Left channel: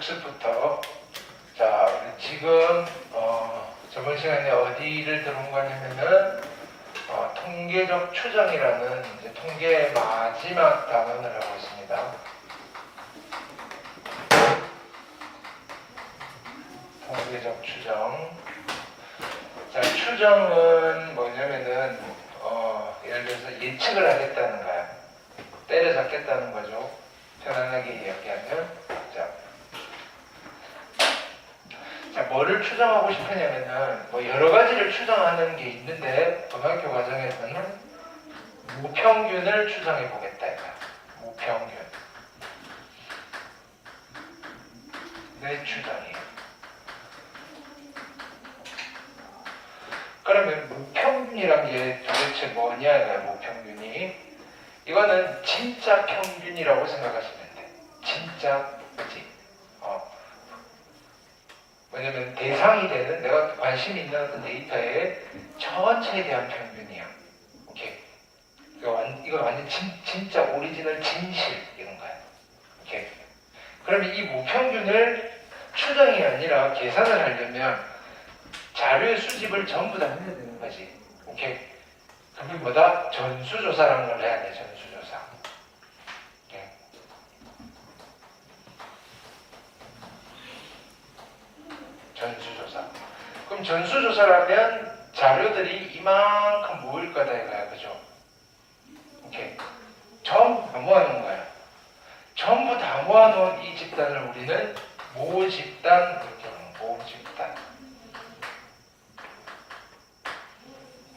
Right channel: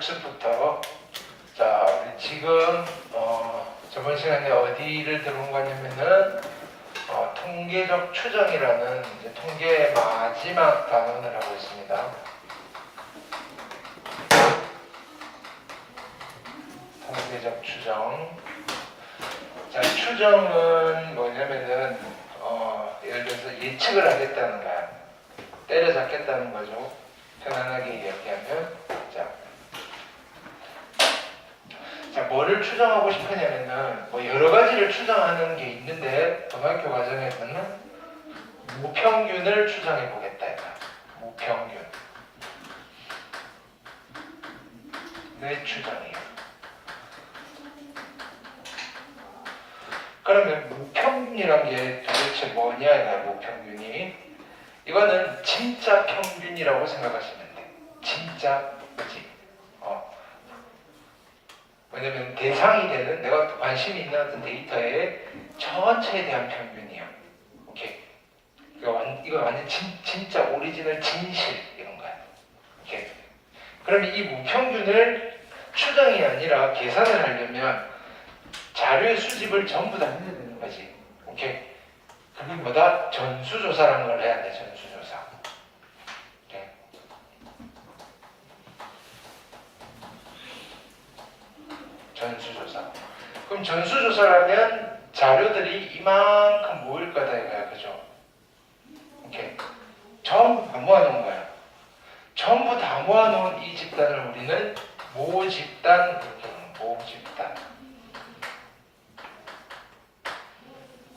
복습부터. 자, 지금 저번 시간에 어디를 들어온 거냐면은 통계적 추정이라는 이제 통계의 마지막 단원을 하고 있습니다. 통계적 추정. 자, 추정은 뭐냐면은 예를 들어서 예측을 하겠다는 거야. 때려잡겠다는 거죠. 편안하게 이야기하면. 자, 뭐를 추정하고 싶으냐면은 뭐 여러 가지를 추정하는 게 있는데 고등학교 과정에서는 무평균을 추정해 보겠다 이거야. 무평균. 내 추정이야. 그러면 무평균이란 게 도대체 뭐냐 이거야. 무평균이. 이거는 진짜 평균이라고 생각하시면 돼. 진짜, 그치? 왜냐면 대상이 되는 내가 관심이 있는 어떤 데이터의 전체에 대한 평균이야. 오케이. 이거 완전 진짜 오리지널 진실 이런 거야. 오케이. 그러면 이 무평균을 추정이 아니라 계산을 하려면 자료 수집을 전부 다 해야 되는 거지. 오케이. 그게 뭐다? 전수조사라는 걸 해야 돼. 전수조사. 오케이. 전수조사. 그럼 전수조사라면 자료들이 이만큼 모일 거다 이거야. 그죠? 오케이. 전부 다 모아놓은 거야. 전부 다 모아놓은 이 집단을 우리는 모집단 이렇게 부르는 모집단.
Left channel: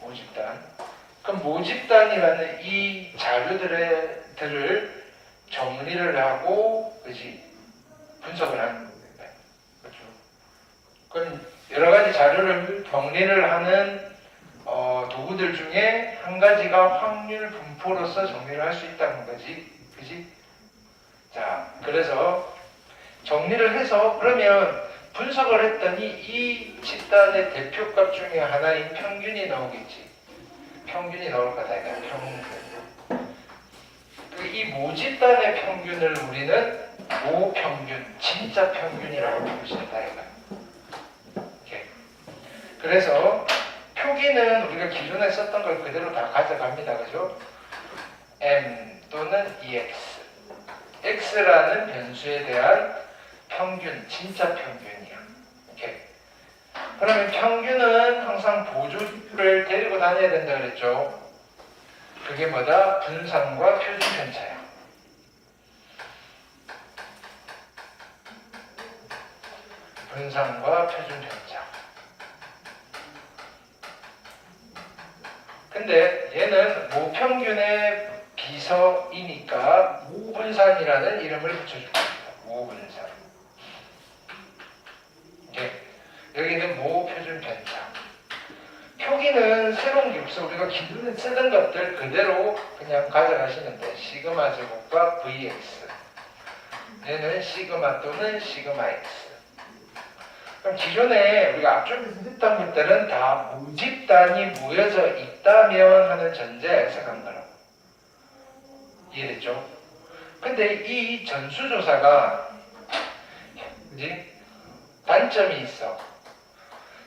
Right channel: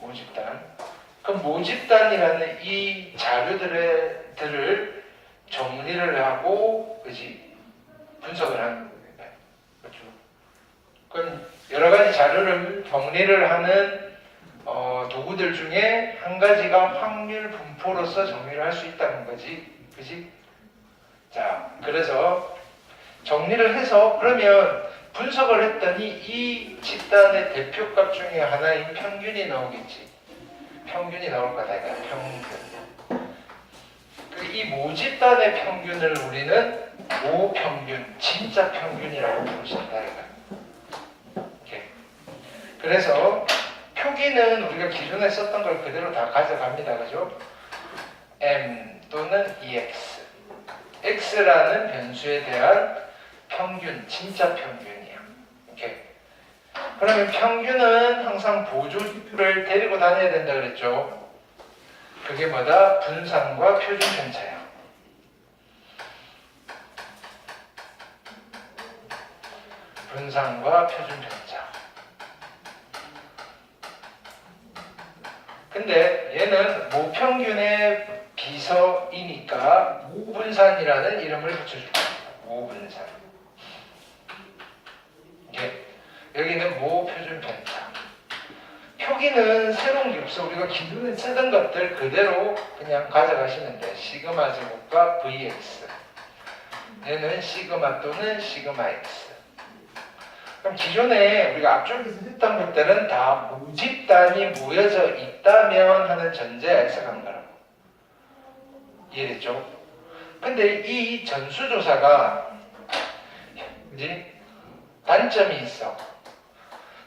모집단. 그럼 모집단이라는 이 자료들을 정리를 하고, 그지? 분석을 하는 겁니다. 그렇죠? 그럼 여러 가지 자료를 정리를 하는 도구들 중에 한 가지가 확률 분포로서 정리를 할 수 있다는 거지. 그지? 자, 그래서 정리를 해서 그러면 분석을 했더니 이 집단의 대표값 중에 하나인 평균이 나오겠지. 평균이 나올 거다. 이거 평균. 이 모집단의 평균을 우리는 모평균, 진짜 평균이라고 부를 수 있다. 이거. 그래서 표기는 우리가 기존에 썼던 걸 그대로 다 가져갑니다. 그죠? M 또는 EX. X라는 변수에 대한 평균, 진짜 평균이야. 오케이. 그러면 평균은 항상 보조를 데리고 다녀야 된다 그랬죠? 그게 뭐다? 분산과 표준 편차야. 분산과 표준 편차. 근데 얘는 모평균의 비서이니까 모분산이라는 이름을 붙여줄 겁니다. 모분산. 여기는 모표준 편차. 표기는 새로운 게 없어. 우리가 기존에 쓰던 것들 그대로 그냥 가져가시면 돼. 시그마 제곱과 VX. 얘는 시그마 또는 시그마 X. 그럼 기존에 우리가 앞쪽에서 했던 것들은 다 모집단이 모여져 있다면 하는 전제에 해석한 거라고. 이해됐죠? 근데 이 전수조사가 그지? 단점이 있어.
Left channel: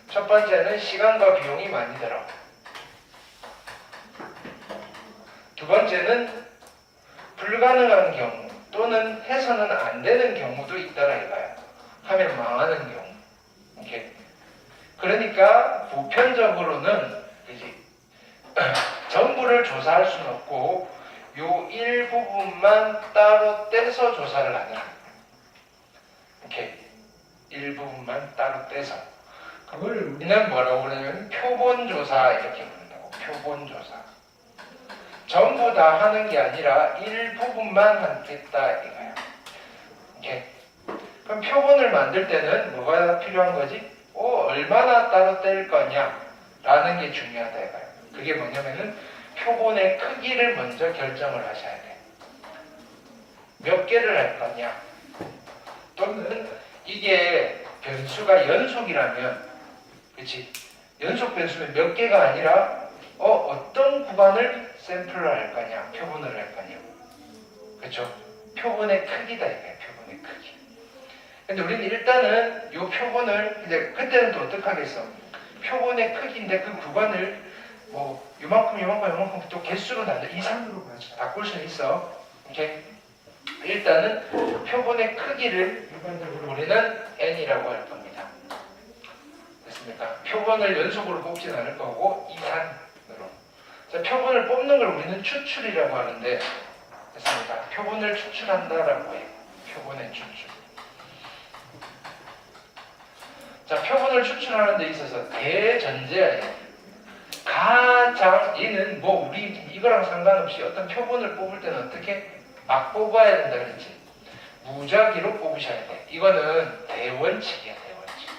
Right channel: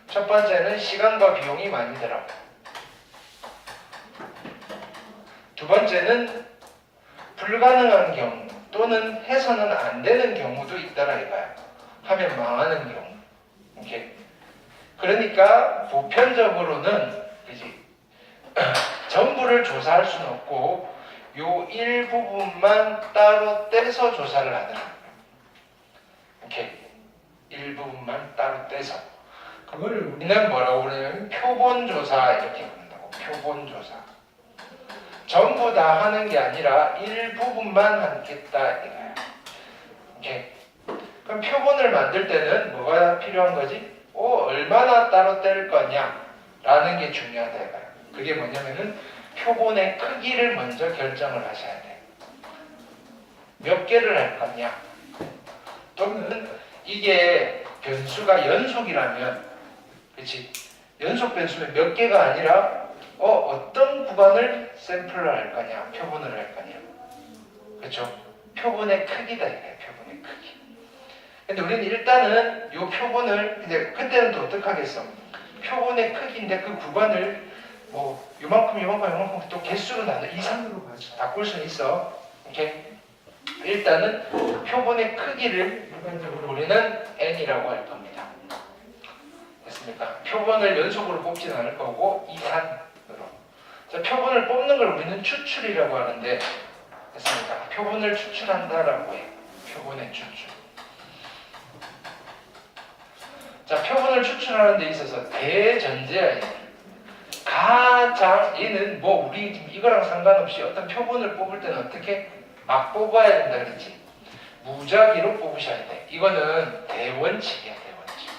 첫 번째는 시간과 비용이 많이 들어. 두 번째는 불가능한 경우 또는 해서는 안 되는 경우도 있다라 이거야. 하면 망하는 경우. 오케이. 그러니까 보편적으로는 그지? 전부를 조사할 수는 없고 요 일부분만 따로 떼서 조사를 하는 거야. 오케이. 일부분만 따로 떼서. 그걸 우리는 뭐라고 그러냐면 표본조사 이렇게 부른다고. 표본조사. 전부 다 하는 게 아니라 일부분만 하겠다 이거야. 오케이. 그럼 표본을 만들 때는 뭐가 필요한 거지? 얼마나 따로 뗄 거냐 라는 게 중요하다 이거야. 그게 뭐냐면은 표본의 크기를 먼저 결정을 하셔야 돼. 몇 개를 할 거냐. 또는 이게 변수가 연속이라면, 그치? 연속 변수면 몇 개가 아니라, 어떤 구간을 샘플을 할 거냐, 표본을 할 거냐. 그쵸? 표본의 크기다, 이게 표본의 크기. 근데 우리는 일단은 요 표본을, 근데 그때는 또 어떻게 하겠어? 표본의 크기인데 그 구간을 뭐 요만큼 또 개수로 나눠 이상으로 바꿀 수는 있어. 오케이? 일단은 표본의 크기를 일반적으로 우리는 n이라고 할 겁니다. 됐습니까? 표본을 연속으로 뽑지는 않을 거고 이산으로. 자, 표본을 뽑는 걸 우리는 추출이라고 하는데, 됐습니까? 표본을 추출한다라고 해. 표본의 추출. 자, 표본을 추출하는 데 있어서 대전제야. 가장 얘는 뭐 우리 이거랑 상관없이 어떤 표본을 뽑을 때는 어떻게 막 뽑아야 된다 그랬지. 무작위로 뽑으셔야 돼. 이거는 대원칙이야, 대원칙.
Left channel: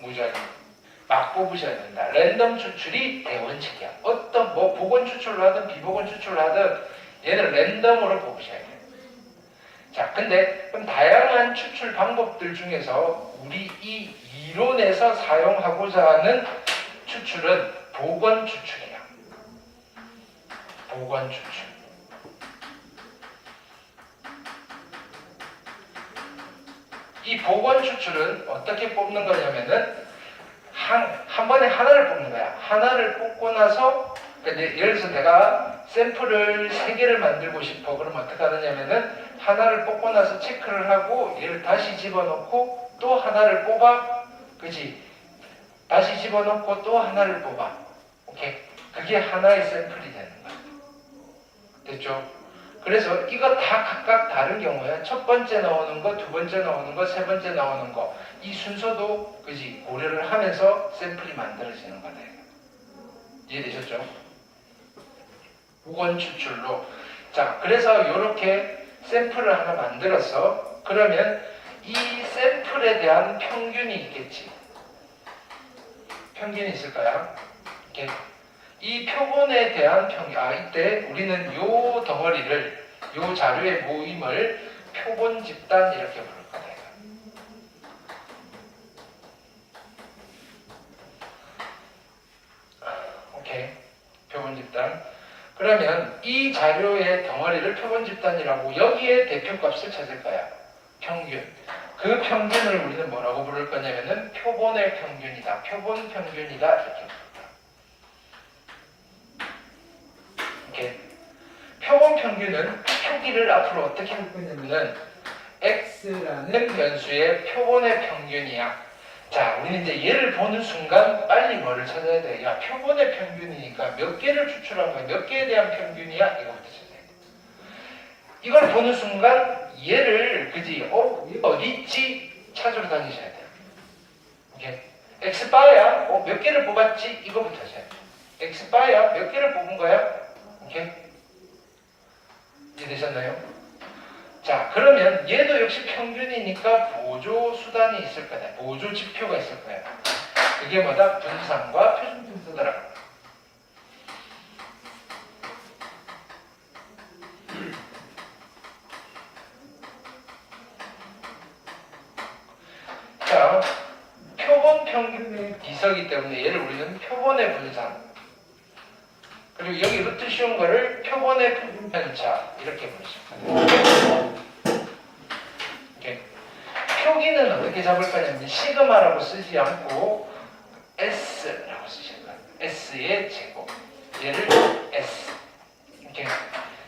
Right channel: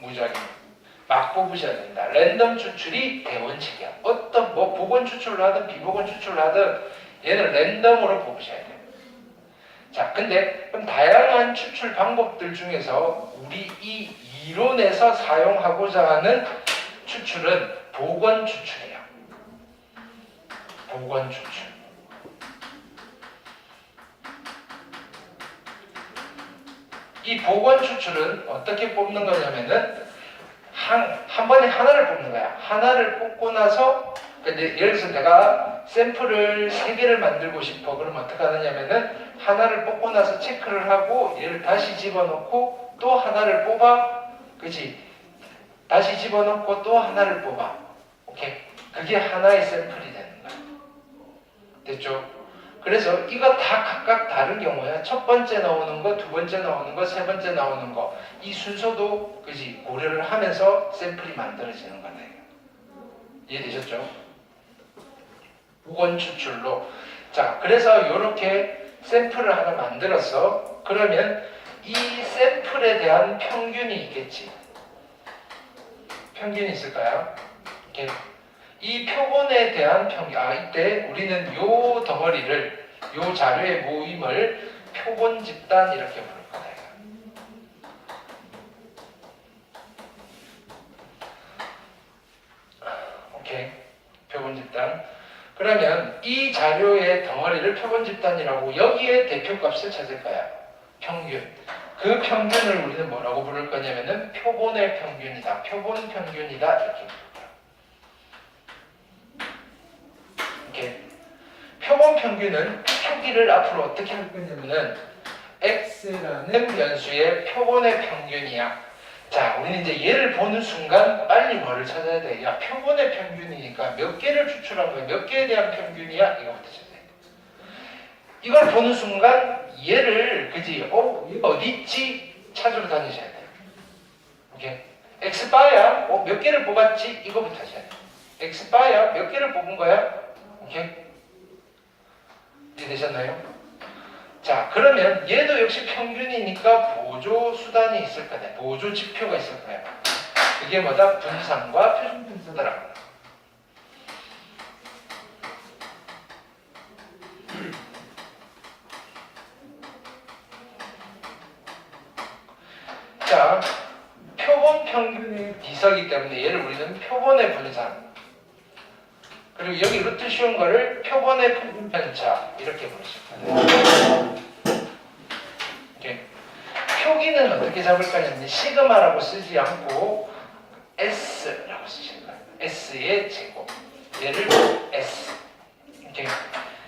무작위. 막 뽑으셔야 된다. 랜덤 추출이 대원칙이야. 어떤 뭐 복원 추출을 하든 비복원 추출을 하든 얘는 랜덤으로 뽑으셔야 돼. 자, 근데 그럼 다양한 추출 방법들 중에서 우리 이 이론에서 사용하고자 하는 추출은 복원 추출이야. 복원 추출. 이 복원 추출은 어떻게 뽑는 거냐면은 한 번에 하나를 뽑는 거야. 하나를 뽑고 나서 예를 들어서 내가 샘플을 3개를 만들고 싶어. 그럼 어떻게 하느냐면은 하나를 뽑고 나서 체크를 하고 얘를 다시 집어넣고 또 하나를 뽑아. 그치? 다시 집어넣고 또 하나를 뽑아. 오케이? 그게 하나의 샘플이 되는 거야. 됐죠? 그래서 이거 다 각각 다른 경우야. 첫 번째 나오는 거, 두 번째 나오는 거, 세 번째 나오는 거. 이 순서도 그지 고려를 하면서 샘플이 만들어지는 거다. 이해되셨죠? 복원 추출로. 자, 그래서 이렇게 샘플을 하나 만들었어. 그러면 이 샘플에 대한 평균이 있겠지. 평균이 있을까요? 이렇게. 이 표본에 대한 평균, 이때 우리는 요 덩어리를, 요 자료의 모임을 표본 집단 이렇게 부를 거예요. 오케이. 표본 집단. 그러면 이 자료의 덩어리를 표본 집단이라고 여기에 대표값을 찾을 거야. 평균. 그 평균을 우리는 뭐라고 부를 거냐면은 표본의 평균이다. 표본 평균이다. 이렇게. 이렇게. 표본 평균은 표기를 앞으로 어떻게 할 거냐면은 x라는 변수의 표본의 평균이야. 자, 우리는 이제 얘를 보는 순간 빨리 뭐를 찾아야 돼? 야, 표본의 평균이니까 몇 개를 추출한 거야? 몇 개에 대한 평균이야? 이거부터 찾아야 돼. 이걸 보는 순간 얘를, 그지? 얘가 어디 있지? 찾으러 다니셔야 돼. 이게 x바야? 몇 개를 뽑았지? 이거부터 찾아야 돼. x바야? 몇 개를 뽑은 거야? 오케이? 이해되셨나요? 자, 그러면 얘도 역시 평균이니까 보조 수단이 있을 거다. 보조 지표가 있을 거야. 그게 뭐다? 분산과 표준 분수더라. 자, 표본 평균의 비서기 때문에 얘를 우리는 표본의 분산. 그리고 여기 루트 씌운 거를 표본의 평균 편차 이렇게 부르십니다. 이렇게. 표기는 어떻게 잡을 거냐면 시그마라고 쓰지 않고 S라고 쓰실 거예요. S의 제곱. 얘를 S. 이렇게.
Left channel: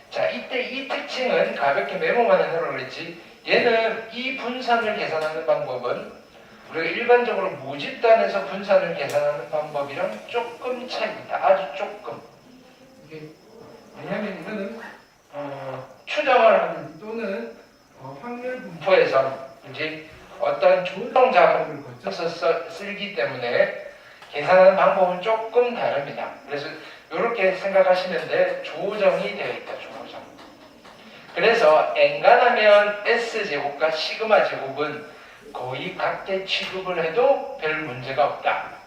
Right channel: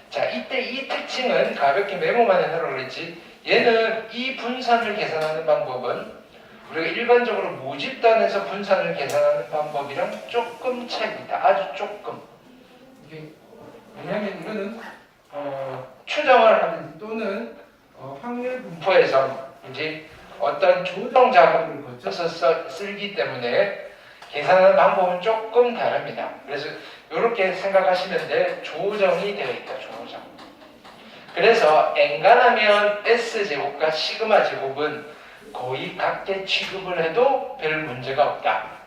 자, 이때 이 특징은 가볍게 메모만 해놓으라고 그랬지. 얘는 이 분산을 계산하는 방법은 우리가 일반적으로 모집단에서 분산을 계산하는 방법이랑 조금 차이가 있다. 아주 조금. 왜냐하면 이거는 추정을 하는 또는 확률 분포에서 이제 어떤 조정 작업을 거쳐서 쓰기 때문에 계산하는 방법은 조금 다릅니다. 그래서 이렇게 생각하시면 돼. 조정이 되어 있다. 조정. 그래서 엔간하면 S제곱과 시그마 제곱은 거의 같게 취급을 해도 별 문제가 없다.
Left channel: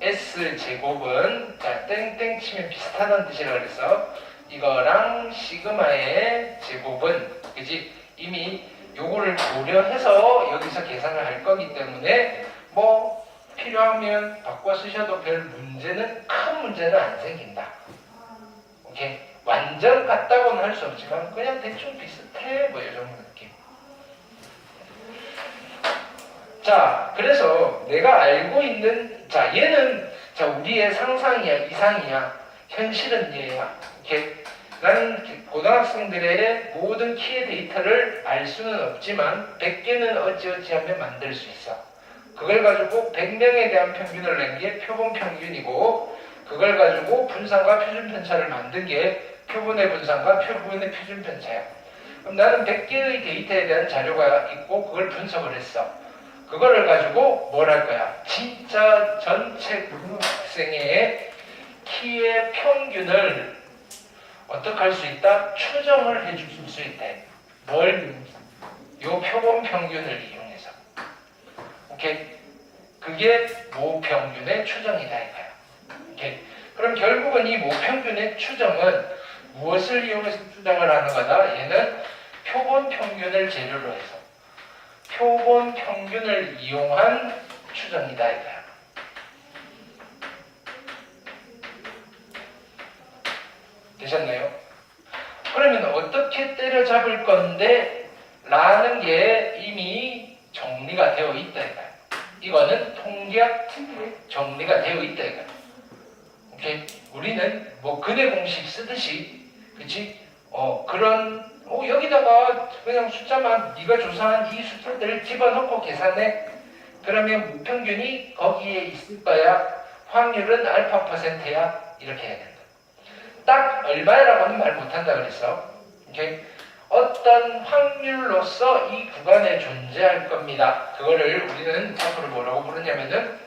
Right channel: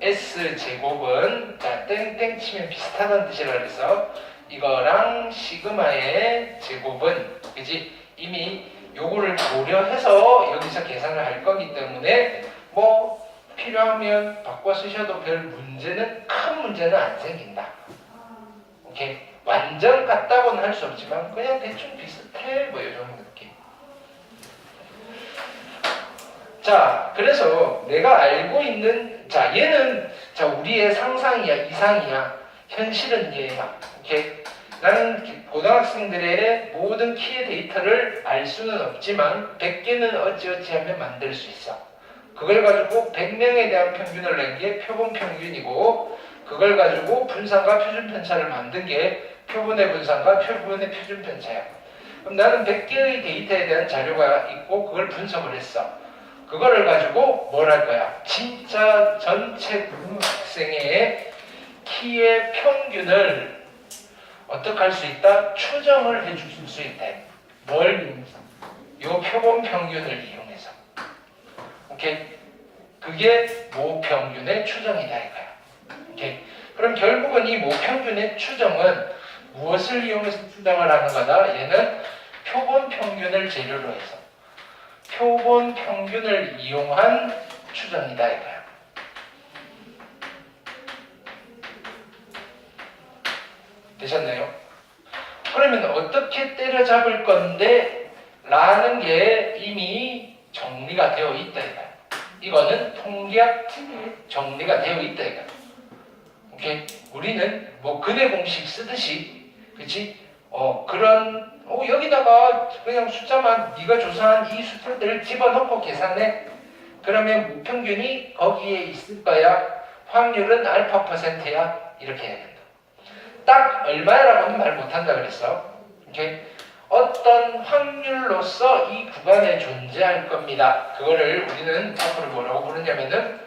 S제곱은 자 땡땡 치면 비슷하다는 뜻이라 그래서 이거랑 시그마의 제곱은 그지 이미 요거를 고려해서 여기서 계산을 할 거기 때문에 뭐 필요하면 바꿔 쓰셔도 별 문제는 큰 문제는 안 생긴다. 오케이? 완전 같다고는 할 수 없지만 그냥 대충 비슷해 뭐 이런 느낌. 자, 그래서 내가 알고 있는, 자, 얘는, 자, 우리의 상상이야, 이상이야, 현실은 얘야. 이렇게. 나는 고등학생들의 모든 키의 데이터를 알 수는 없지만 100개는 어찌어찌 하면 만들 수 있어. 그걸 가지고 100명에 대한 평균을 낸 게 표본 평균이고, 그걸 가지고 분산과 표준 편차를 만든 게 표본의 분산과 표본의 표준 편차야. 그럼 나는 100개의 데이터에 대한 자료가 있고 그걸 분석을 했어. 그거를 가지고 뭘 할 거야? 진짜 전체 고등학생의 키의 평균을 어떻게 할 수 있다? 추정을 해줄 수 있다. 뭘? 요 표본 평균을 이용해서. 오케이? 그게 모평균의 추정이다 이거야. 오케이? 그럼 결국은 이 모평균의 추정은 무엇을 이용해서 추정을 하는 거다? 얘는 표본 평균을 재료로 해서 표본 평균을 이용한 추정이다 이거야. 되셨나요? 그러면 어떻게 때려잡을 건데 라는 게 이미 정리가 되어 있다 이거야. 이거는 통계학 특유의 정리가 되어 있다 이거야. 오케이? 우리는 뭐 근해 공식 쓰듯이 그치? 여기다가 그냥 숫자만 네가 조사한 이 숫자들을 집어넣고 계산해. 그러면 무평균이 거기에 있을 거야. 확률은 알파 %야. 이렇게 해야 된다. 딱 얼마라고는 말 못한다 그랬어. 오케이? 어떤 확률로서 이 구간에 존재할 겁니다. 그거를 우리는 앞으로 뭐라고 부르냐면은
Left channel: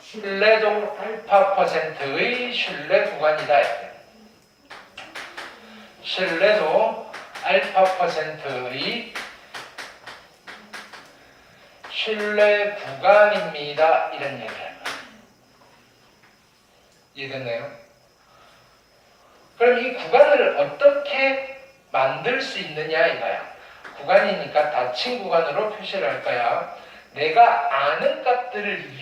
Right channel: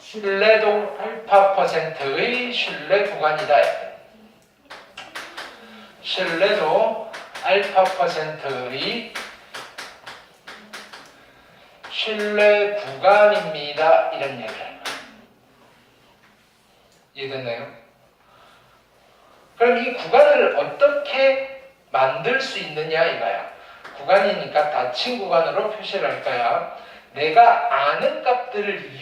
신뢰도 알파 %의 신뢰 구간이다. 신뢰도 알파 %의 신뢰 구간입니다. 이런 얘기를 해요. 이해됐나요? 그럼 이 구간을 어떻게 만들 수 있느냐 이거야. 구간이니까 닫힌 구간으로 표시를 할 거야. 내가 아는 값들을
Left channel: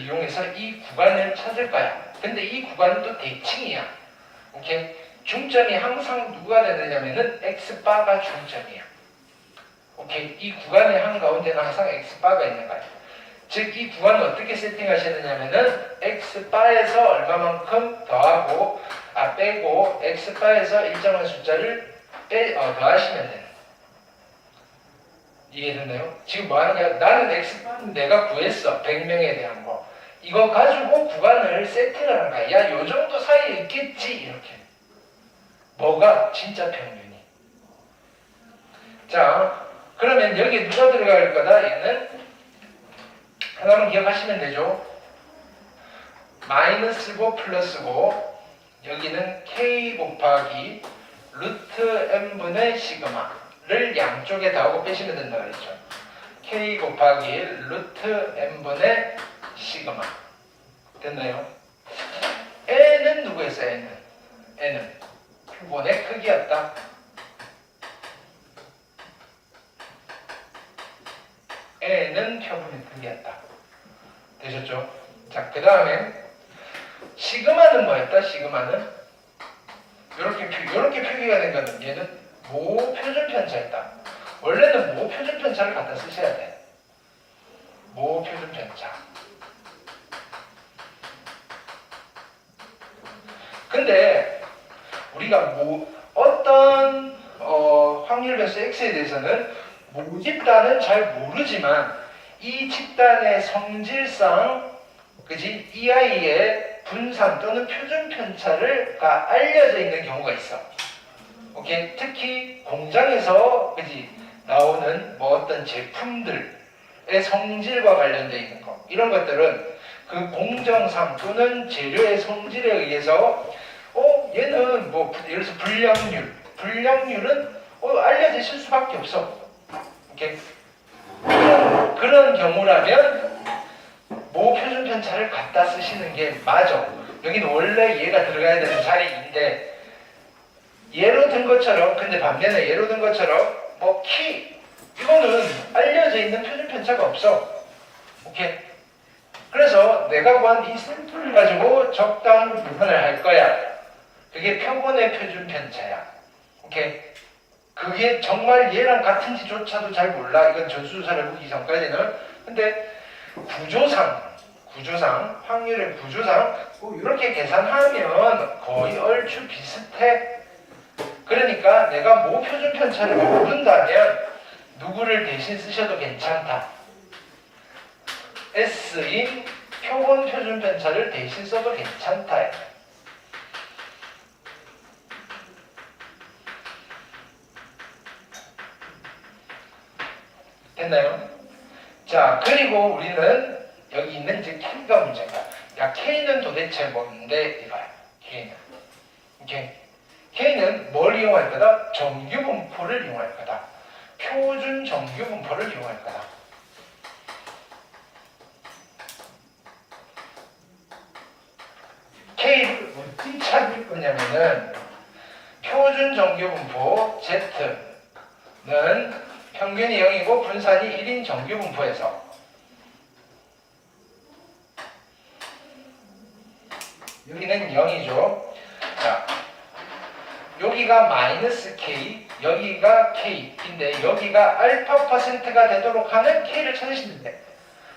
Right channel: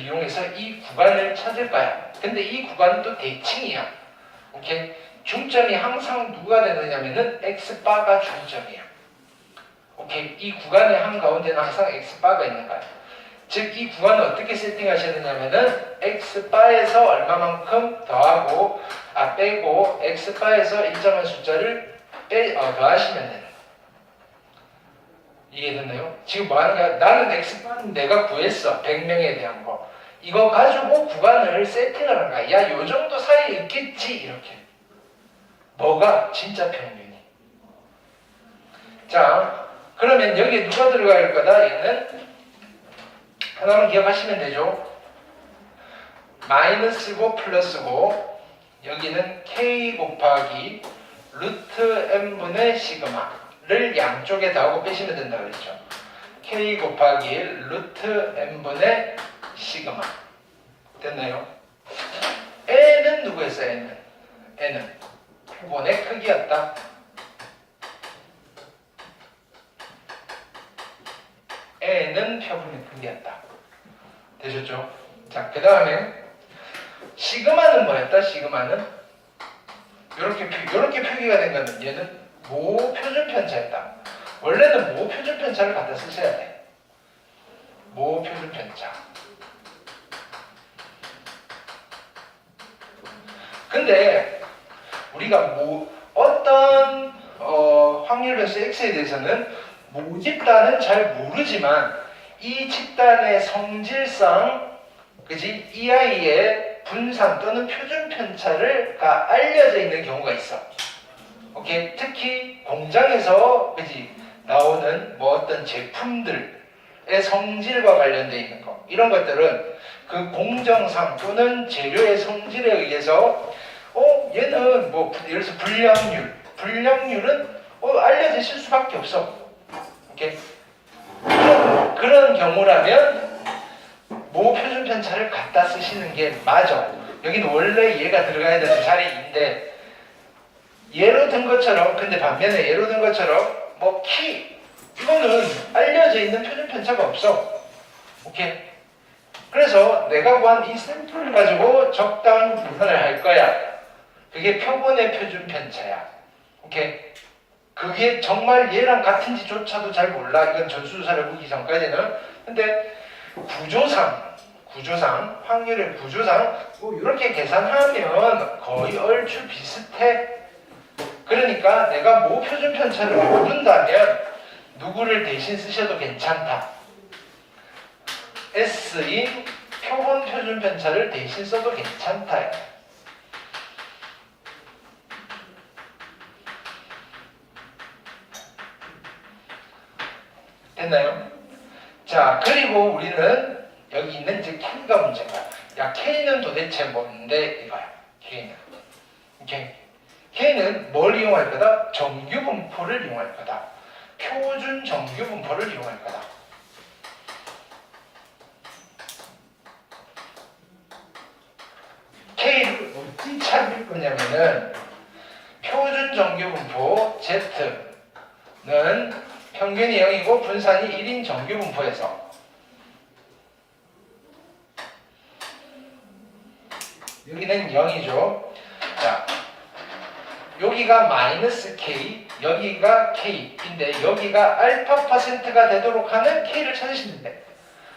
이용해서 이 구간을 찾을 거야. 근데 이 구간은 또 대칭이야. 오케이? 중점이 항상 누가 되느냐면은 X바가 중점이야. 오케이? 이 구간의 한가운데는 항상 X바가 있는 거야. 즉, 이 구간을 어떻게 세팅하시느냐면은 X바에서 얼마만큼 더하고, 빼고, X바에서 일정한 숫자를 더하시면 돼요. 이해됐나요? 지금 뭐 하는 거야? 나는 X바는 내가 구했어. 100명에 대한 거. 이거 가지고 구간을 세팅을 한 거야. 야, 요 정도 사이에 있겠지. 이렇게. 뭐가? 진짜 평균이. 자, 그러면 여기에 누가 들어갈 거다? 얘는 하나만 기억하시면 되죠. 마이너스고 플러스고 여기는 K 곱하기 루트 N분의 시그마를 양쪽에 더하고 빼시면 된다 그랬죠. K 곱하기 루트 N분의 시그마. 됐나요? N은 누구였어요? N은 표본의 크기였다. N은 표본의 크기였다. 되셨죠? 자, 그 다음에 시그마는 뭐였다? 시그마는 이렇게 표기가 된 거는 얘는 모표준 편차였다. 원래는 모표준 편차를 갖다 쓰셔야 돼. 모표준 편차. 근데 우리가 어떤 확률 변수 x에 대해서는 모집단은 잘 모르지만 이 집단의 성질상 그지? 이 아이의 분산 또는 표준 편차가 알려져 있는 경우가 있어. 오케이? 특히 공장에서 그지? 나오는 뭐 어떤 제품들의 성질과 관련되어 있는 거 이런 것들은 그 공정상 또는 재료의 성질에 의해서 얘는 뭐 예를 들어서 불량률은 알려지실 수밖에 없어. 오케이? 그런 경우라면 모표준 편차를 갖다 쓰시는 게 맞아. 여기는 원래 얘가 들어가야 되는 자리인데 예로 든 것처럼 근데 반면에 예로 든 것처럼 뭐 키 이거는 알려져 있는 표준 편차가 없어. 오케이? 그래서 내가 구한 이 샘플을 가지고 적당히 계산을 할 거야. 그게 표본의 표준 편차야. 오케이? 그게 정말 얘랑 같은지조차도 잘 몰라. 이건 전수조사를 해보기 전까지는. 근데 구조상, 확률의 구조상 뭐 이렇게 계산하면 거의 얼추 비슷해. 그러니까 내가 모 표준 편차를 모른다면 누구를 대신 쓰셔도 괜찮다. S인 표본 표준 편차를 대신 써도 괜찮다. 됐나요? 자, 그리고 우리는 여기 있는 이제 K가 문제인가? 야, K는 도대체 뭔데? 이거야. K는. 오케이. K는 뭘 이용할 거다? 정규 분포를 이용할 거다. 표준 정규 분포를 이용할 거다. K를 어떻게 찾을 거냐면은 표준 정규 분포 Z는 평균이 0이고 분산이 1인 정규 분포에서 여기는 0이죠. 자, 여기가 마이너스 K, 여기가 K인데 여기가 알파 퍼센트가 되도록 하는 K를 찾으시면 돼.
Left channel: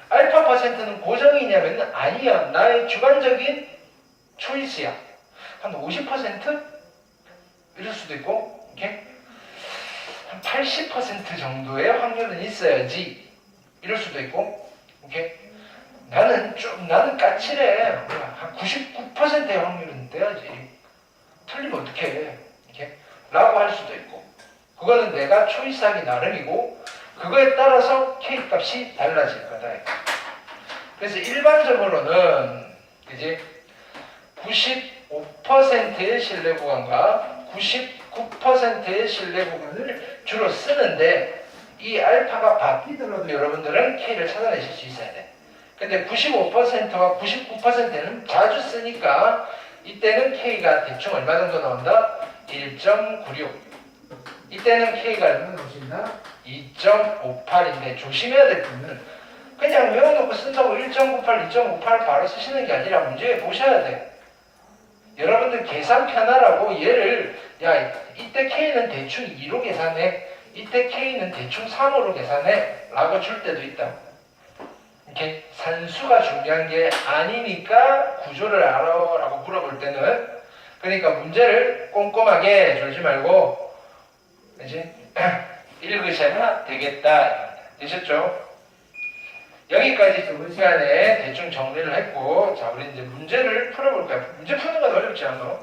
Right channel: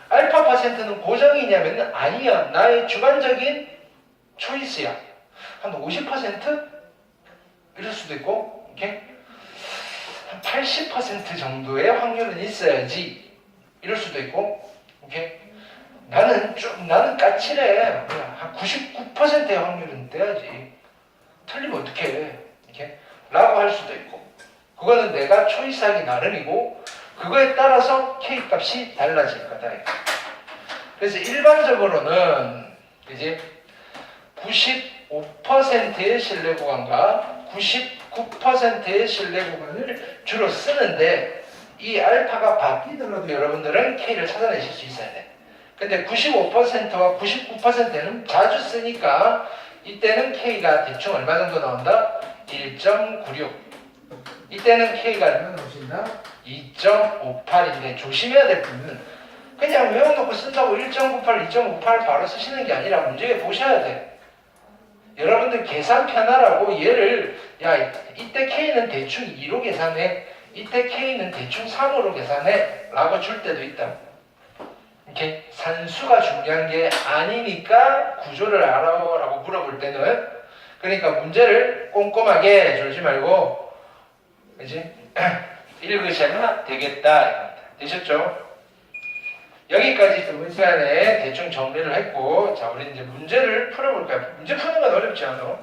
알파 퍼센트는 고정이냐면 아니야. 나의 주관적인 초이스야. 한 50%? 이럴 수도 있고, 오케이? 한 80% 정도의 확률은 있어야지. 이럴 수도 있고, 오케이? 나는 까칠해. 한 99%의 확률은 돼야지. 틀리면 어떡해. 이렇게? 라고 할 수도 있고. 그거는 내가 초이스하기 나름이고, 그거에 따라서 K 값이 달라질 거다. 그래서 일반적으로는 이제 95%의 신뢰 구간과 99%의 신뢰 구간을 주로 쓰는데 이 알파가 바뀌더라도 여러분들은 K를 찾아내실 수 있어야 돼. 근데 95%와 99%는 자주 쓰니까 이때는 K가 대충 얼마 정도 나온다? 1.96. 이때는 K가 얼마 나오신다? 2.58인데 조심해야 될 부분은 그냥 외워놓고 쓴다고 1.98, 2.58 바로 쓰시는 게 아니라 문제에 보셔야 돼. 여러분들 계산 편하라고 얘를 야 이때 K는 대충 2로 계산해, 이때 K는 대충 3으로 계산해 라고 줄 때도 있다. 이렇게 산수가 중요한 게 아니니까 구조를 알아라고 물어볼 때는 그러니까 문제를 꼼꼼하게 졸지 말고 이제 읽으셔야 되겠다. 되셨죠? 여기까지 저번 시간에 대충 정리를 했고, 자, 우리 이제 문제를 풀어볼까요? 문제 푸는 건 어렵지 않아?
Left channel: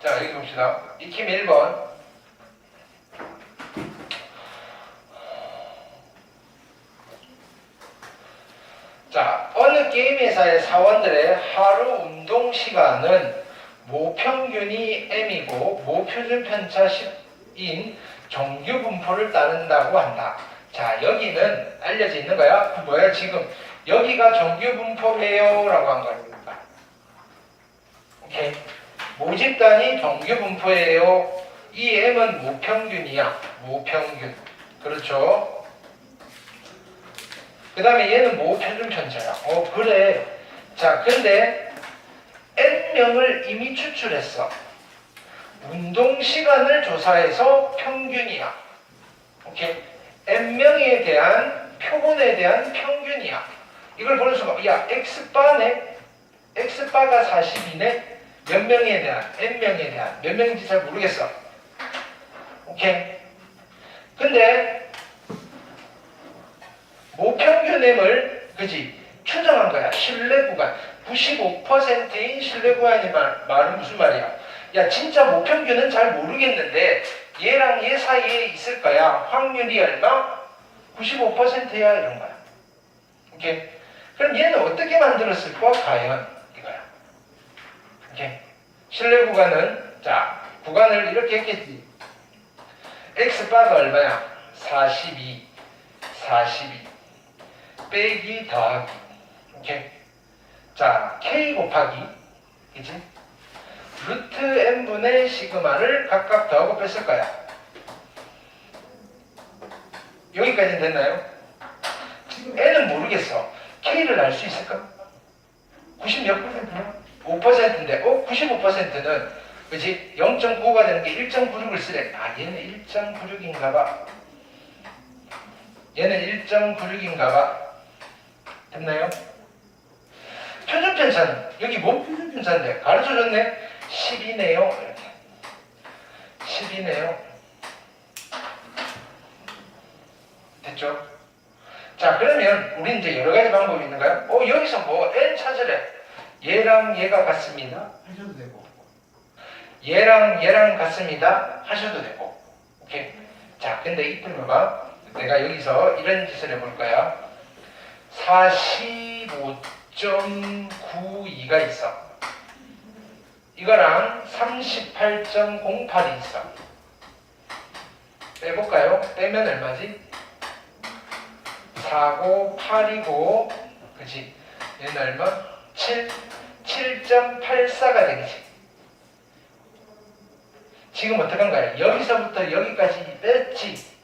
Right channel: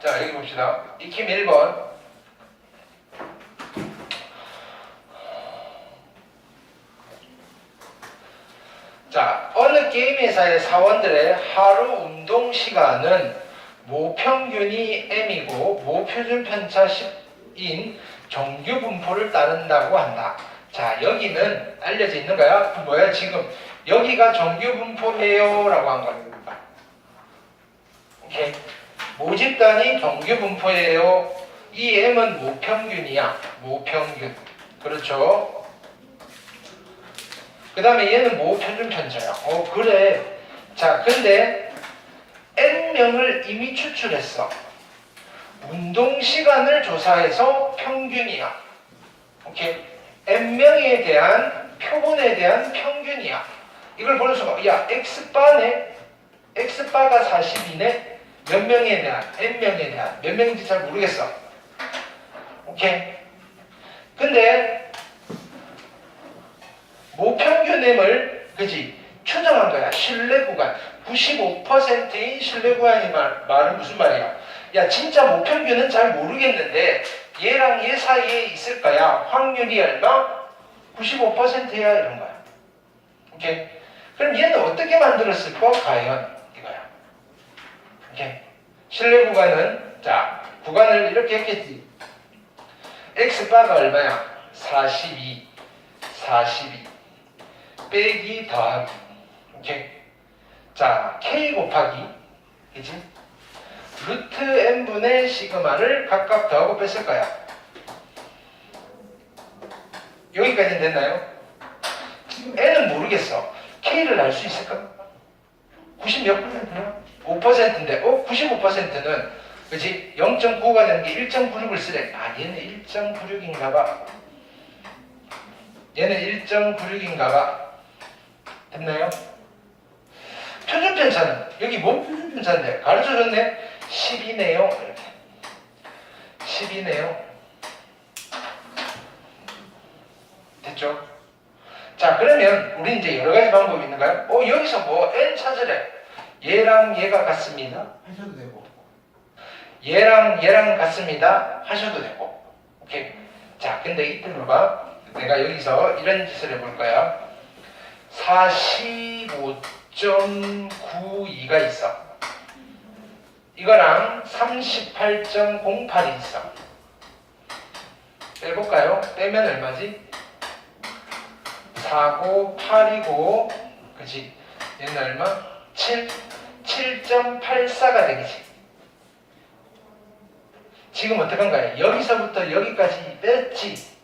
자, 여기 봅시다. 익힘 1번. 자, 어느 게임 회사의 사원들의 하루 운동 시간은 모평균이 M이고 모표준 편차 10인 정규 분포를 따른다고 한다. 자, 여기는 알려져 있는 거야. 뭐야? 지금 여기가 정규 분포예요 라고 한 거야. 오케이. 모집단이 정규 분포예요. 이 M은 모평균이야. 모평균. 그렇죠? 그 다음에 얘는 모표준 편차야. 그래. 자, 근데 N명을 이미 추출했어. 운동 시간을 조사해서 평균이야. 오케이? N명에 대한 표본에 대한 평균이야. 이걸 보는 수가, 야, X바네? X바가 42네? 몇 명에 대한? N명에 대한. 몇 명인지 잘 모르겠어. 오케이? 근데 모평균M을 그지 추정한 거야. 신뢰 구간 95%인 신뢰 구간이 말은 무슨 말이야? 야 진짜 모평균은 잘 모르겠는데 얘랑 얘 사이에 있을 거야. 확률이 얼마? 95%야 이런 거야. 오케이. 그럼 얘는 어떻게 만들었을까? 과연 이거야. 오케이. 신뢰 구간은 자 구간을 이렇게 했겠지. X바가 얼마야? 42 빼기 더하기. 오케이. 자, K 곱하기 그지? 루트 n분의 시그마를 각각 더하고 뺐을 거야. 여기까지는 됐나요? 지금 n은 모르겠어. k를 알 수 있을까? 90 몇 %냐? 5%인데 95%는 그지? 0.95가 되는 게 1.96을 쓰래. 아, 얘는 1.96인가 봐. 얘는 1.96인가 봐. 됐나요? 표준편차는 여기 뭔 표준편차인데? 가르쳐줬네? 10이네요. 이렇게 10이네요. 됐죠? 자, 그러면 우리 이제 여러 가지 방법이 있는가요? 여기서 뭐 n 찾으래. 얘랑 얘가 같습니다 하셔도 되고, 얘랑 얘랑 같습니다 하셔도 되고. 오케이. 자, 근데 이때 봐봐. 내가 여기서 이런 짓을 해볼 거야. 45.92가 있어. 이거랑 38.08이 있어. 빼볼까요? 빼면 얼마지? 4고 8이고, 그치? 얘는 얼마? 7.84가 되겠지. 지금 어떡한 거야? 여기서부터 여기까지 뺐지.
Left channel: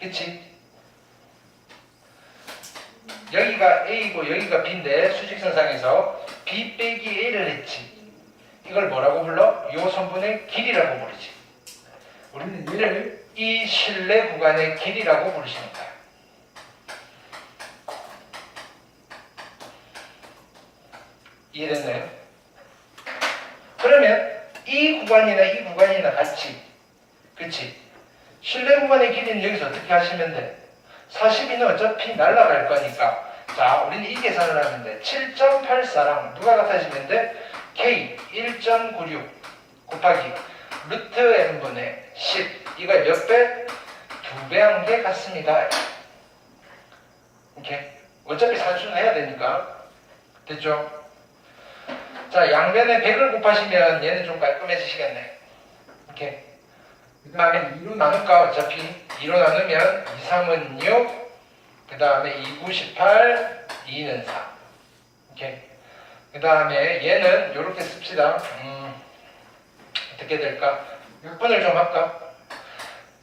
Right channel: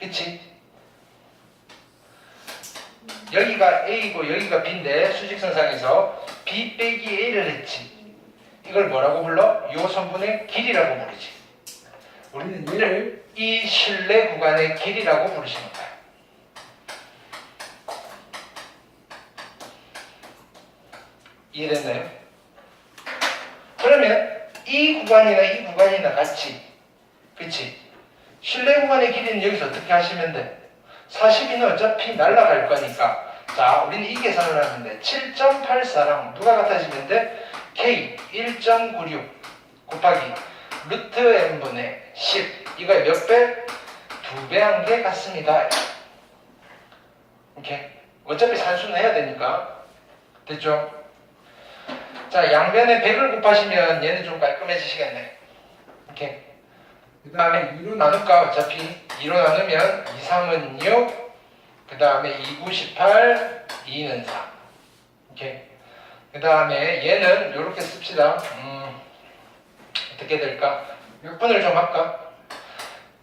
그치? 여기가 A고 여기가 B인데 수직선상에서 B 빼기 A를 했지. 이걸 뭐라고 불러? 요 선분의 길이라고 부르지. 우리는 얘를 이 실내 구간의 길이라고 부르시는 거야. 이해됐나요? 그러면 이 구간이나 이 구간이나 같이, 그치? 실내 구간의 길이는 여기서 어떻게 하시면 돼? 42는 어차피 날아갈 거니까. 자, 우리는 이 계산을 하는데 7.84랑 누가 같아지면 돼? K 1.96 곱하기 루트 n분의 10. 이거의 몇 배? 2배 한 게 같습니다. 오케이. 어차피 산수는 해야 되니까. 됐죠? 자, 양변에 100을 곱하시면 얘는 좀 깔끔해지시겠네. 오케이. 그 다음에 2로 나눌까? 어차피 2로 나누면 2, 3은 6, 그 다음에 2, 9, 18, 2는 4. 오케이. 그 다음에 얘는 이렇게 씁시다. 어떻게 될까? 약분을 좀 할까?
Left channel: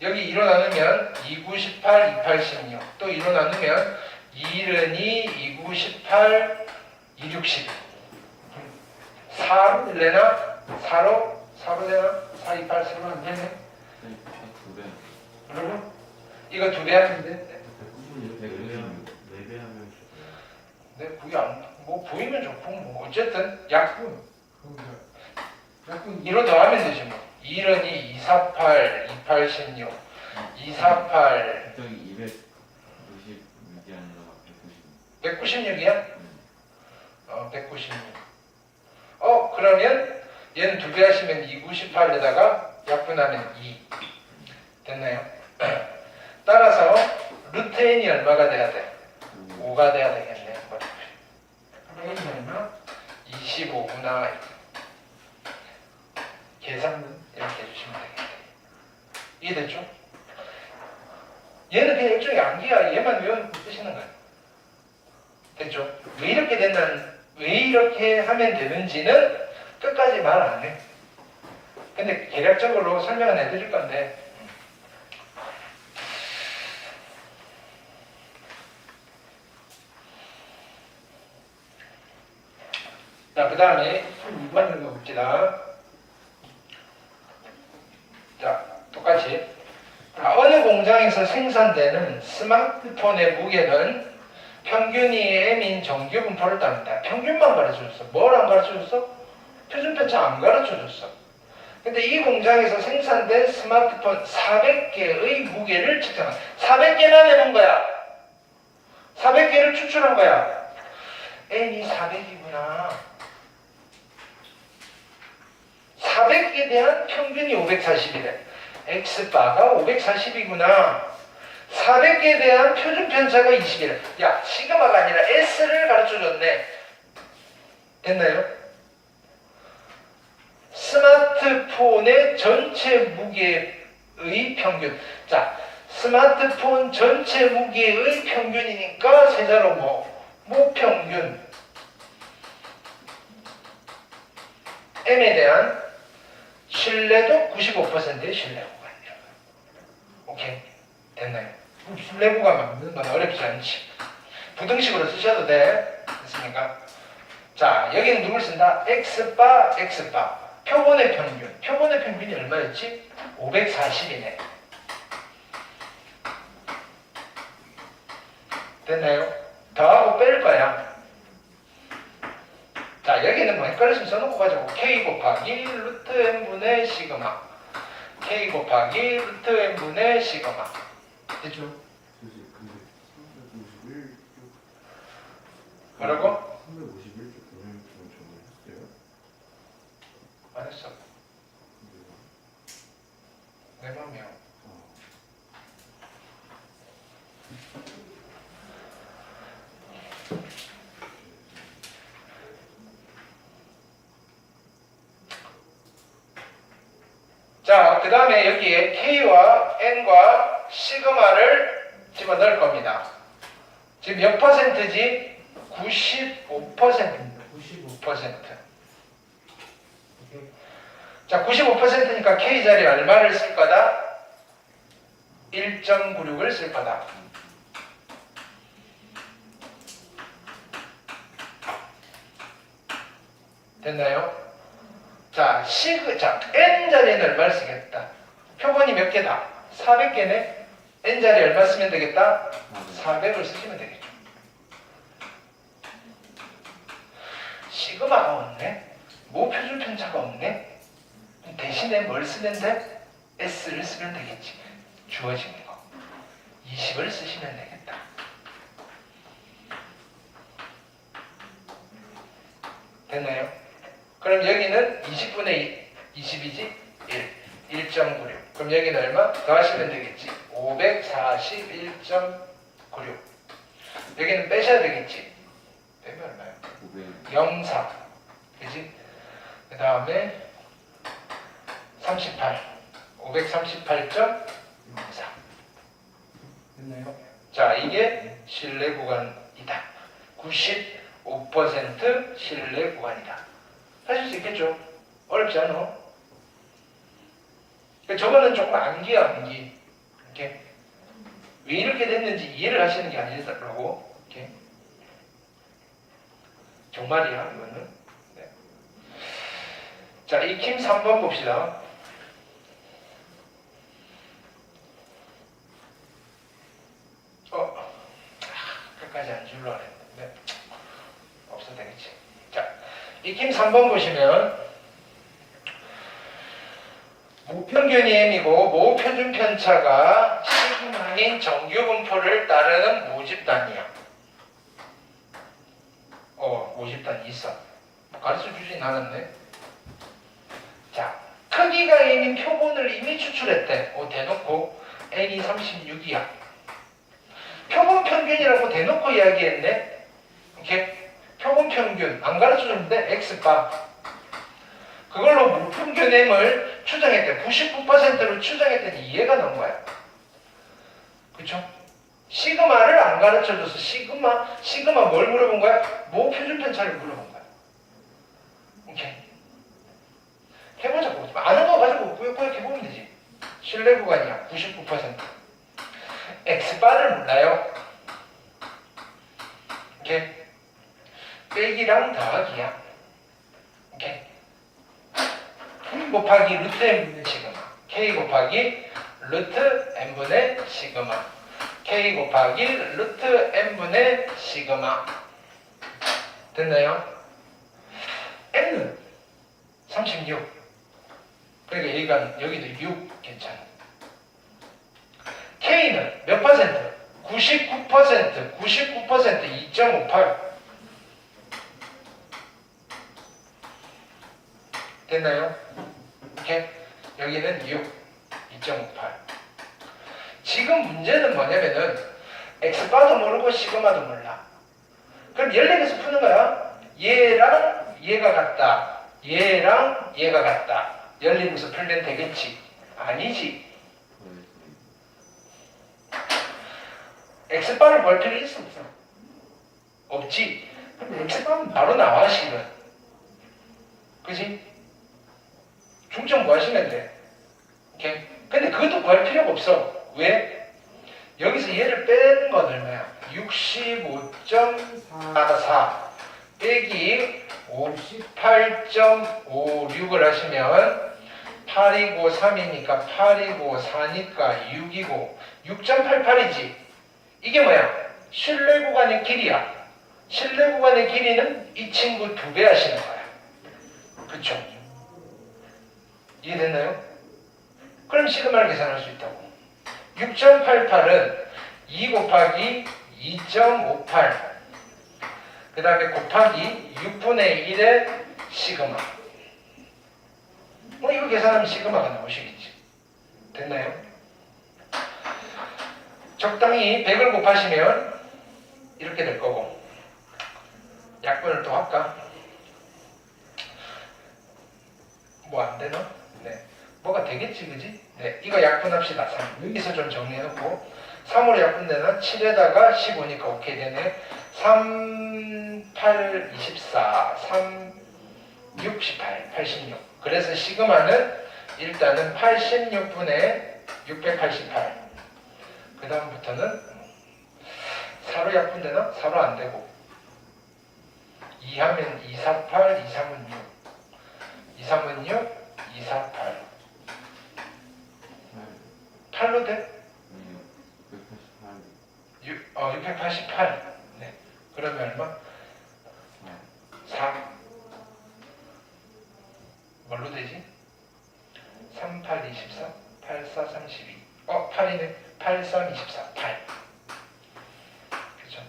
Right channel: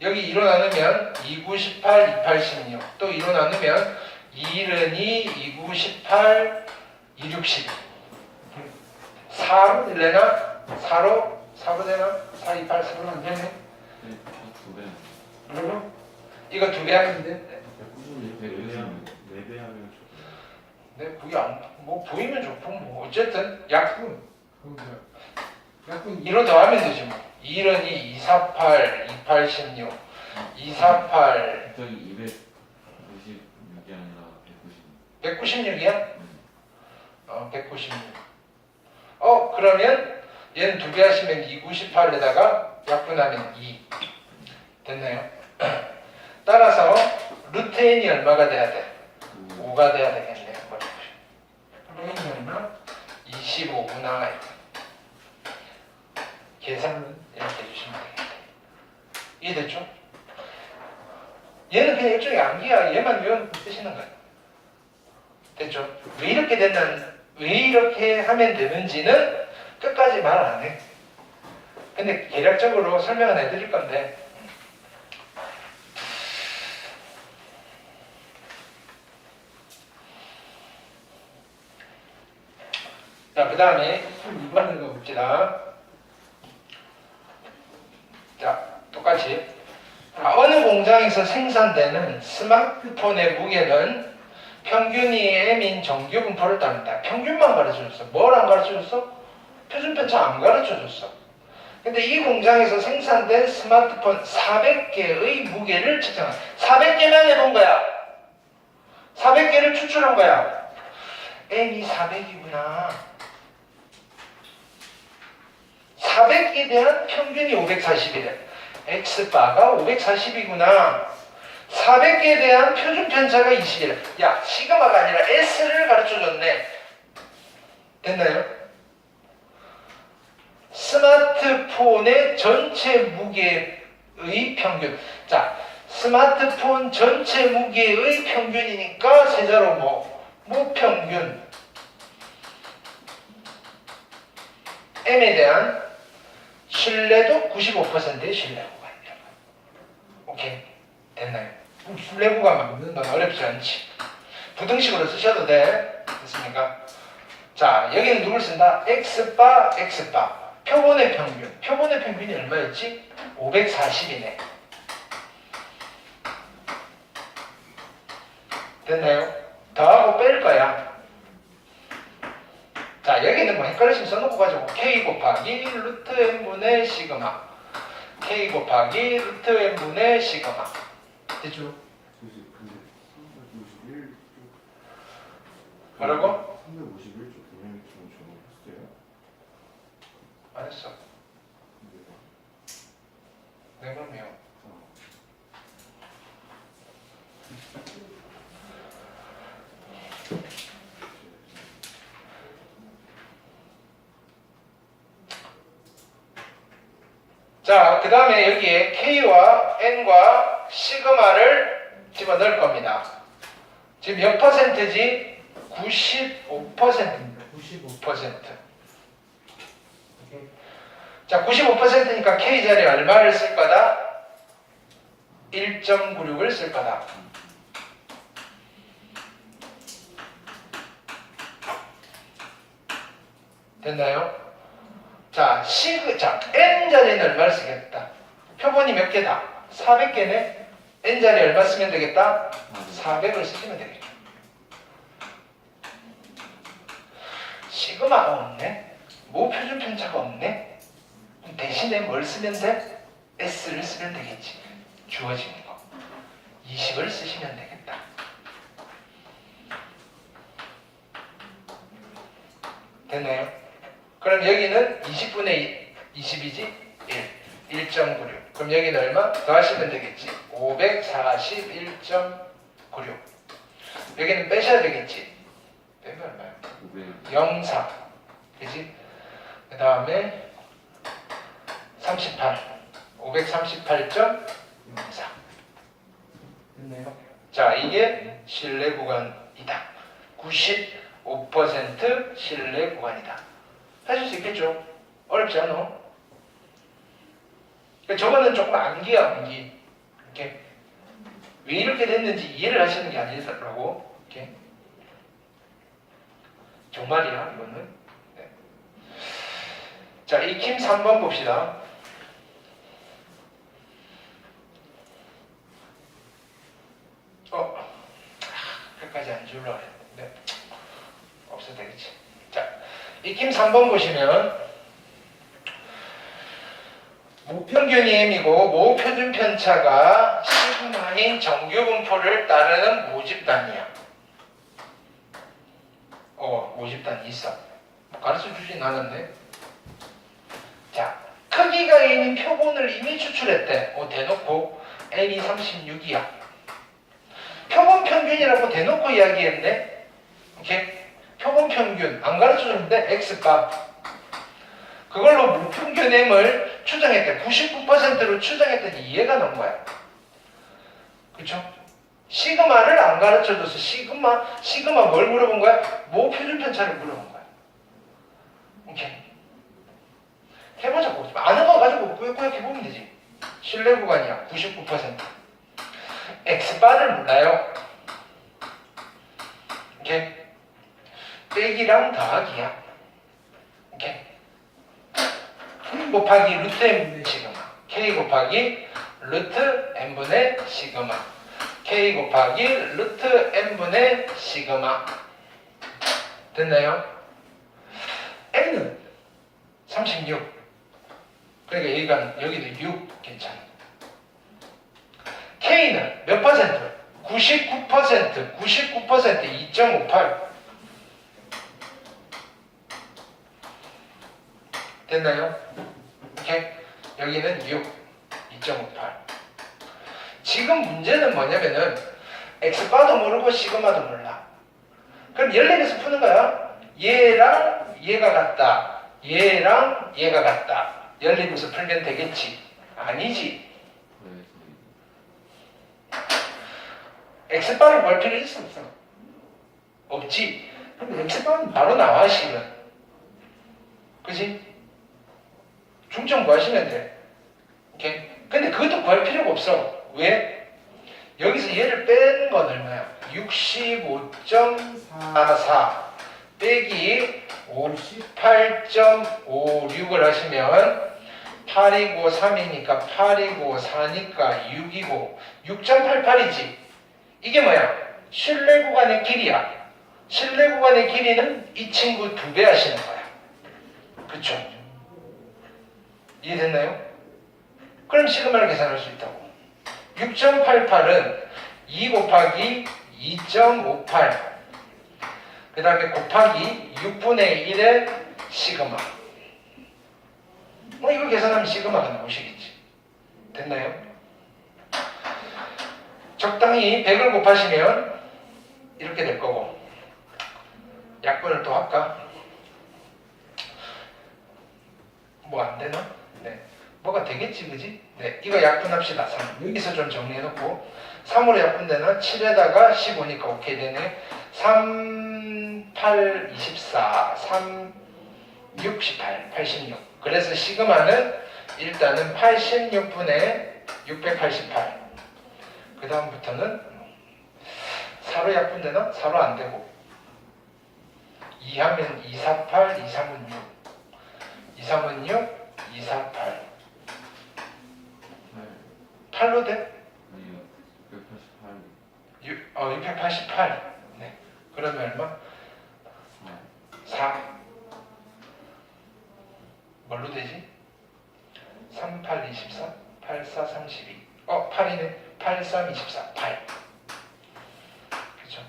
여기 2로 나누면 2, 9, 18, 2, 8, 16. 또 2로 나누면 2, 1은 2, 2, 9, 18, 2, 6, 12. 4로 되나? 4로 되나? 4, 2, 8, 4로 안 되네? 네, 두 배. 그리고 이거 2배 하는데? 4배 하면 네, 그게 뭐 보이면 좋고, 뭐 어쨌든 약분. 약분 2로 더하면 되지 뭐. 2는 2, 2, 4, 8, 2, 8, 16, 2, 4, 8. 저기 296이 아니라 196. 196이야? 196. 그러면 얘는 2배 하시면 2, 9, 18에다가 약분하면 2. 됐나요? 따라서 루트 n이 얼마가 돼야 돼? 5가 돼야 되겠네요. 그럼 n이 얼마? 25구나. 계산 이렇게 해주시면 되겠네요. 이해됐죠? 얘는 그냥 일종의 암기야. 얘만 외워놓고 쓰시는 거예요. 됐죠? 왜 이렇게 하면 되는지는 끝까지 말 안 해. 근데 개략적으로 설명은 해드릴 건데. 자, 그 다음에 2번을 가봅시다. 자, 똑같이. 어느 공장에서 생산되는 스마트폰의 무게는 평균이 m인 정규 분포를 따른다. 평균만 가르쳐줬어. 뭘 안 가르쳐줬어? 표준편차 안 가르쳐줬어. 근데 이 공장에서 생산된 스마트폰 400개의 무게를 측정한. 400개만 해본 거야. 400개를 추출한 거야. m이 400이구나. 400개에 대한 평균이 540이래. x바가 540이구나. 400개에 대한 표준 편차가 20이래. 야, 시그마가 아니라 S를 가르쳐줬네. 됐나요? 스마트폰의 전체 무게의 평균. 자, 스마트폰 전체 무게의 평균이니까 세자로 뭐 평균. M에 대한 신뢰도 95%의 신뢰 구간이다. 오케이? 됐나요? 신뢰 구간 만드는 건 어렵지 않지. 부등식으로 쓰셔도 돼. 됐습니까? 자, 여기는 누굴 쓴다? X바, X바. 표본의 평균. 표본의 평균이 얼마였지? 540이네. 됐나요? 더하고 뺄 거야. 자, 여기는 뭐 헷갈리시면 써놓고 가지고 K 곱하기 루트 N분의 시그마. K 곱하기 루트 N분의 시그마. 됐죠? 근데 351쪽 뭐라고? 351쪽 그냥 정했어요? 안 했어. 내 몸이요. 자, 그 다음에 여기에 K와 N과 시그마를 집어넣을 겁니다. 지금 몇 퍼센트지? 95%입니다. 95%. 자, 95%니까 K 자리에 얼마를 쓸 거다? 1.96을 쓸 거다. 됐나요? 자, N 자리에는 얼마를 쓰겠다? 표본이 몇 개다? 400개네? N 자리에 얼마 쓰면 되겠다? 400을 쓰시면 되겠죠. 시그마가 없네? 모표준 편차가 없네? 대신에 뭘 쓰면 돼? S를 쓰면 되겠지. 주어진 거. 20을 쓰시면 되겠다. 됐나요? 그럼 여기는 20분의 20이지? 1. 1.96. 그럼 여기는 얼마? 더하시면 되겠지. 541.96. 여기는 빼셔야 되겠지. 빼면 얼마야? 0.4. 그지? 그 다음에 38. 538.04. 됐나요? 자, 이게 신뢰 구간이다. 95% 신뢰 구간이다. 하실 수 있겠죠? 어렵지 않아? 저거는 조금 암기야, 암기. 이렇게. 왜 이렇게 됐는지 이해를 하시는 게 아니더라고. 이렇게. 정말이야, 이거는. 네. 자, 익힘 3번 봅시다. 끝까지 안 주려고 했는데. 없어도 되겠지. 자, 익힘 3번 보시면 무평균이 M이고 모표준 편차가 시그마인 정규 분포를 따르는 모집단이야. 모집단이 있어. 가르쳐 주진 않았네. 자, 크기가 N인 표본을 이미 추출했대. 대놓고 N이 36이야. 표본 평균이라고 대놓고 이야기했네. 이렇게 표본 평균 안 가르쳐 줬는데 X바. 그걸로 무평균 M을 추정했대. 99%로 추정했더니 이해가 나온 거야. 그쵸? 시그마를 안 가르쳐줘서 시그마 뭘 물어본 거야? 모표준 편차를 물어본 거야. 오케이. 해보자고. 아는 거 가지고 꾸역꾸역 해보면 되지. 신뢰 구간이야. 99%. X바를 몰라요. 오케이. 빼기랑 더하기야. 오케이. 곱하기 루트 n분의 시그마. K 곱하기 루트 n분의 시그마. K 곱하기 루트 n분의 시그마. 됐나요? N은 36. 그러니까 여기도 6 괜찮아. K는 몇 퍼센트? 99%. 2.58. 됐나요? 오케이. 여기는 6. 2.58. 지금 문제는 뭐냐면은 X바도 모르고 시그마도 몰라. 그럼 14개에서 푸는 거야. 얘랑 얘가 같다. 얘랑 얘가 같다. 14개에서 풀면 되겠지. 아니지. X바를 볼 필요 있어 없어? 없지. 그럼 X바는 바로 나와 실은. 그지? 중점 구하시면 돼. 오케이? 근데 그것도 구할 필요가 없어. 왜? 여기서 얘를 빼는 건 얼마야? 65.44 빼기 58.56을 하시면 8이고 3이니까 8이고 4니까 6이고 6.88이지. 이게 뭐야? 실내 구간의 길이야. 실내 구간의 길이는 이 친구 2배 하시는 거야. 그쵸? 이해됐나요? 그럼 시그마를 계산할 수 있다고. 6.88은 2 곱하기 2.58 그 다음에 곱하기 6분의 1의 시그마. 뭐 이거 계산하면 시그마가 나오시겠지. 됐나요? 적당히 100을 곱하시면 이렇게 될 거고. 약분을 또 할까? 뭐 안 되나? 네. 뭐가 되겠지, 그지? 네. 이거 약분합시다. 3. 여기서 좀 정리해놓고 3으로 약분되는 7에다가 15니까 오케이 되네. 3, 8, 24, 3, 6, 18, 86. 그래서 시그마는 일단은 86분의 688. 그 다음부터는 4로 약분되나? 4로 안 되고 2 하면 248, 2, 3은 6 2, 3은 6, 2, 4, 8 8로 돼? 아니요. 188. 688. 네. 그러면 얼마? 4. 뭘로 되지? 3, 8, 24, 8, 4, 32. 8이네. 8, 3, 24, 8. 그죠?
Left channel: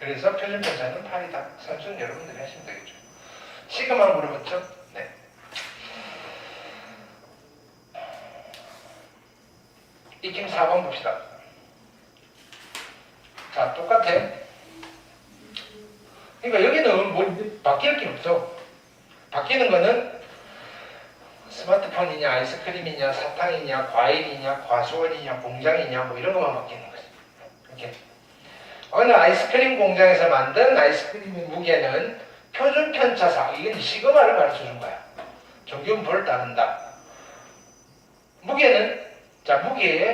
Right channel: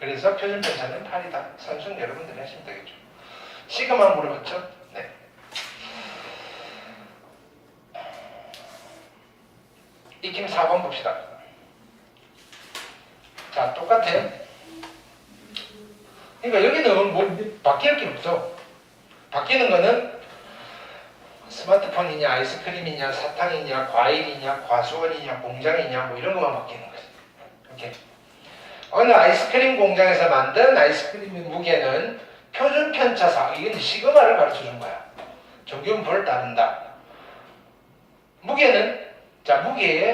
그래서 표준편차는 8이다. 산수는 여러분들이 하시면 되겠죠. 시그마 물어봤죠? 네. 익힘 4번 봅시다. 자, 똑같아. 그러니까 여기는 뭐 바뀔 게 없어. 바뀌는 거는 스마트폰이냐, 아이스크림이냐, 사탕이냐, 과일이냐, 과수원이냐, 공장이냐, 뭐 이런 것만 바뀌는 거지. 오케이. 어느 아이스크림 공장에서 만든 아이스크림의 무게는 표준 편차상, 이건 시그마를 가르쳐 준 거야. 정규분포를 따른다. 무게는, 자, 무게에